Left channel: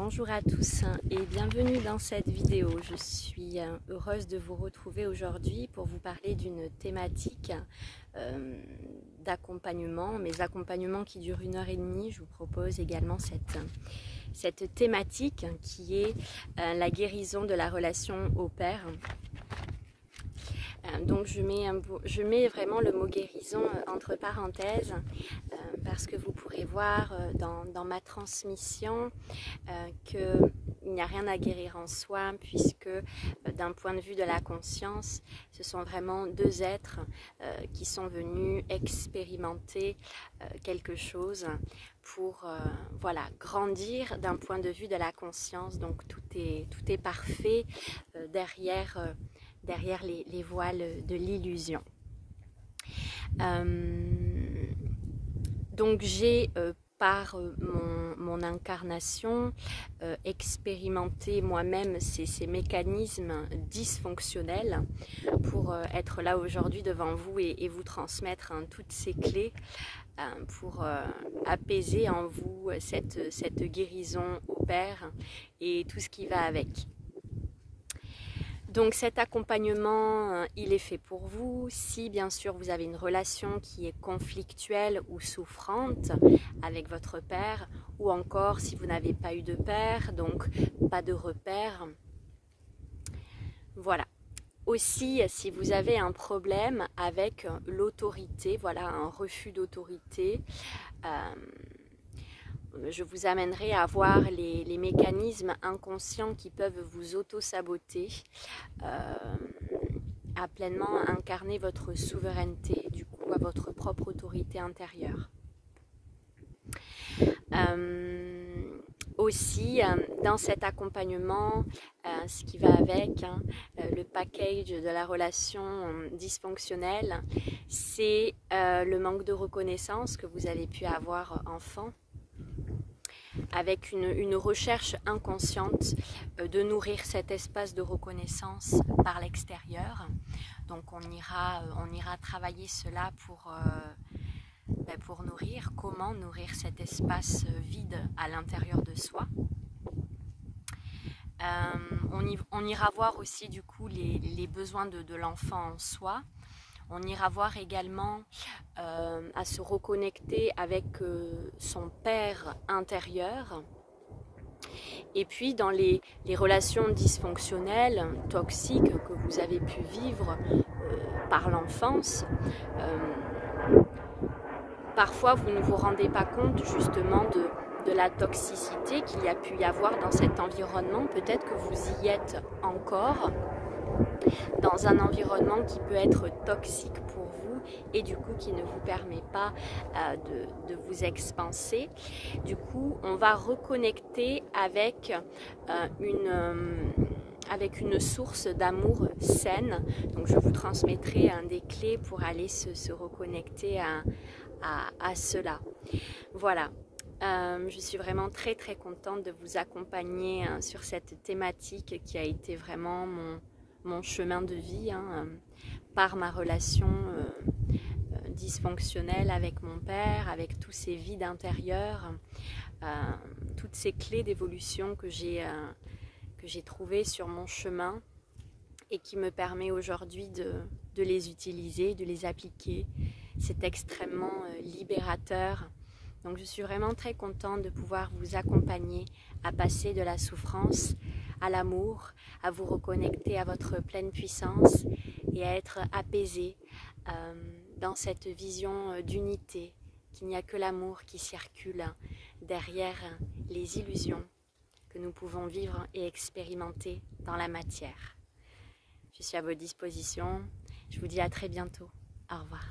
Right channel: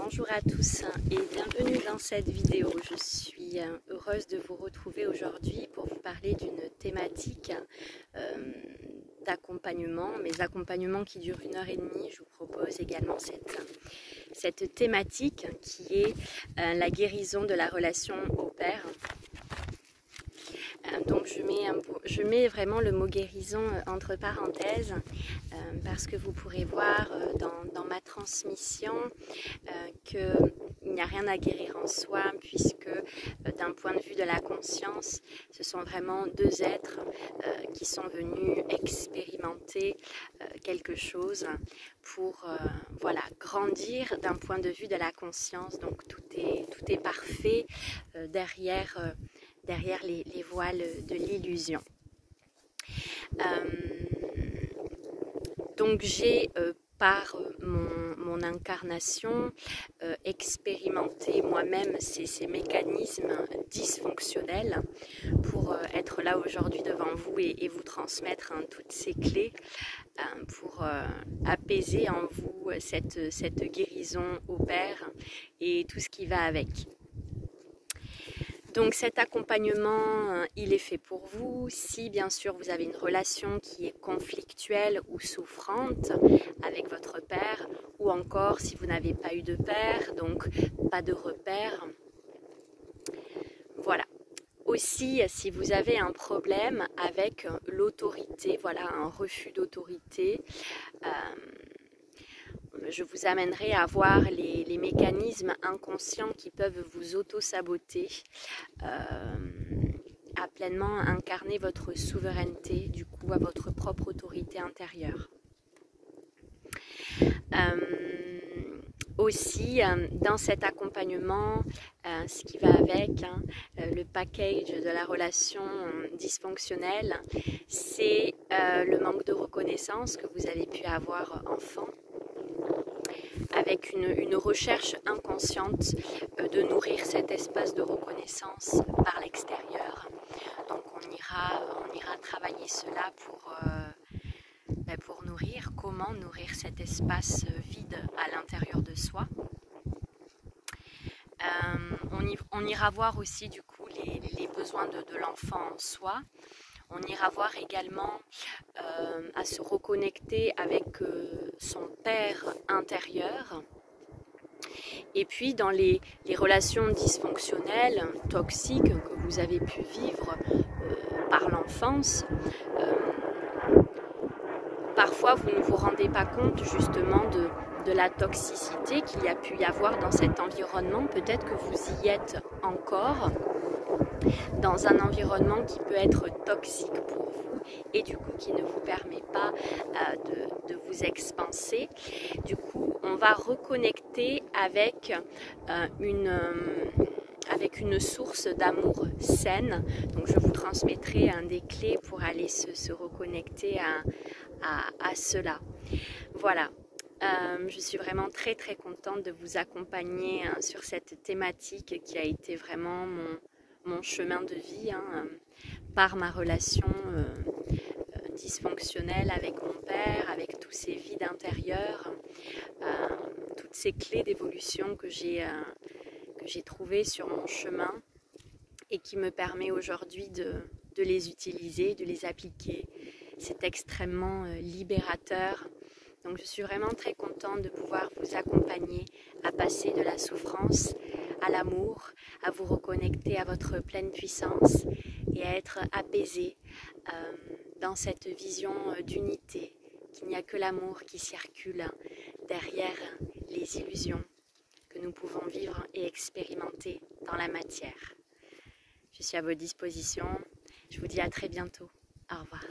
Bonjour à tous et bienvenue dans cette vidéo. Je suis heureuse de vous retrouver aujourd'hui pour vous parler d'une thématique d'accompagnement, mes accompagnements qui durent 1h30. Je vous propose également cette thématique qui est la guérison de la relation au père. Donc je mets vraiment le mot guérison entre parenthèses parce que vous pourrez voir dans ma transmission qu'il n'y a rien à guérir en soi, puisque d'un point de vue de la conscience, ce sont vraiment deux êtres qui sont venus expérimenter quelque chose pour voilà, grandir d'un point de vue de la conscience. Donc tout est parfait derrière les voiles de l'illusion. Donc j'ai par mon incarnation expérimenté moi-même ces mécanismes dysfonctionnels pour être là aujourd'hui devant vous et vous transmettre toutes ces clés pour apaiser en vous cette guérison au Père et tout ce qui va avec. Donc cet accompagnement, il est fait pour vous si bien sûr vous avez une relation qui est conflictuelle ou souffrante avec votre père, ou encore si vous n'avez pas eu de père, donc pas de repère. Voilà. Aussi, si vous avez un problème avec l'autorité, voilà, un refus d'autorité, je vous amènerai à voir les mécanismes inconscients qui peuvent vous auto-saboter, à pleinement incarner votre souveraineté, du coup à votre propre autorité intérieure. Aussi, dans cet accompagnement, ce qui va avec, le package de la relation dysfonctionnelle, c'est le manque de reconnaissance que vous avez pu avoir enfant, avec une recherche inconsciente de nourrir cet espace de reconnaissance par l'extérieur. Donc on ira travailler cela pour nourrir, comment nourrir cet espace vide à l'intérieur de soi. On ira voir aussi du coup les besoins de l'enfant en soi. On ira voir également à se reconnecter avec son père intérieur. Et puis dans les relations dysfonctionnelles, toxiques que vous avez pu vivre par l'enfance, parfois vous ne vous rendez pas compte justement de la toxicité qu'il y a pu y avoir dans cet environnement. Peut-être que vous y êtes encore dans un environnement qui peut être toxique pour vous et du coup qui ne vous permet pas de vous expanser. Du coup, on va reconnecter avec une source d'amour saine. Donc je vous transmettrai des clés pour aller se reconnecter à cela. Voilà. Je suis vraiment très contente de vous accompagner sur cette thématique qui a été vraiment mon chemin de vie par ma relation dysfonctionnelle avec mon père, avec tous ces vides intérieurs, toutes ces clés d'évolution que j'ai trouvées sur mon chemin et qui me permet aujourd'hui de les utiliser, de les appliquer. C'est extrêmement libérateur. Donc je suis vraiment très contente de pouvoir vous accompagner à passer de la souffrance à l'amour, à vous reconnecter à votre pleine puissance et à être apaisé dans cette vision d'unité, qu'il n'y a que l'amour qui circule derrière les illusions que nous pouvons vivre et expérimenter dans la matière. Je suis à votre disposition. Je vous dis à très bientôt. Au revoir.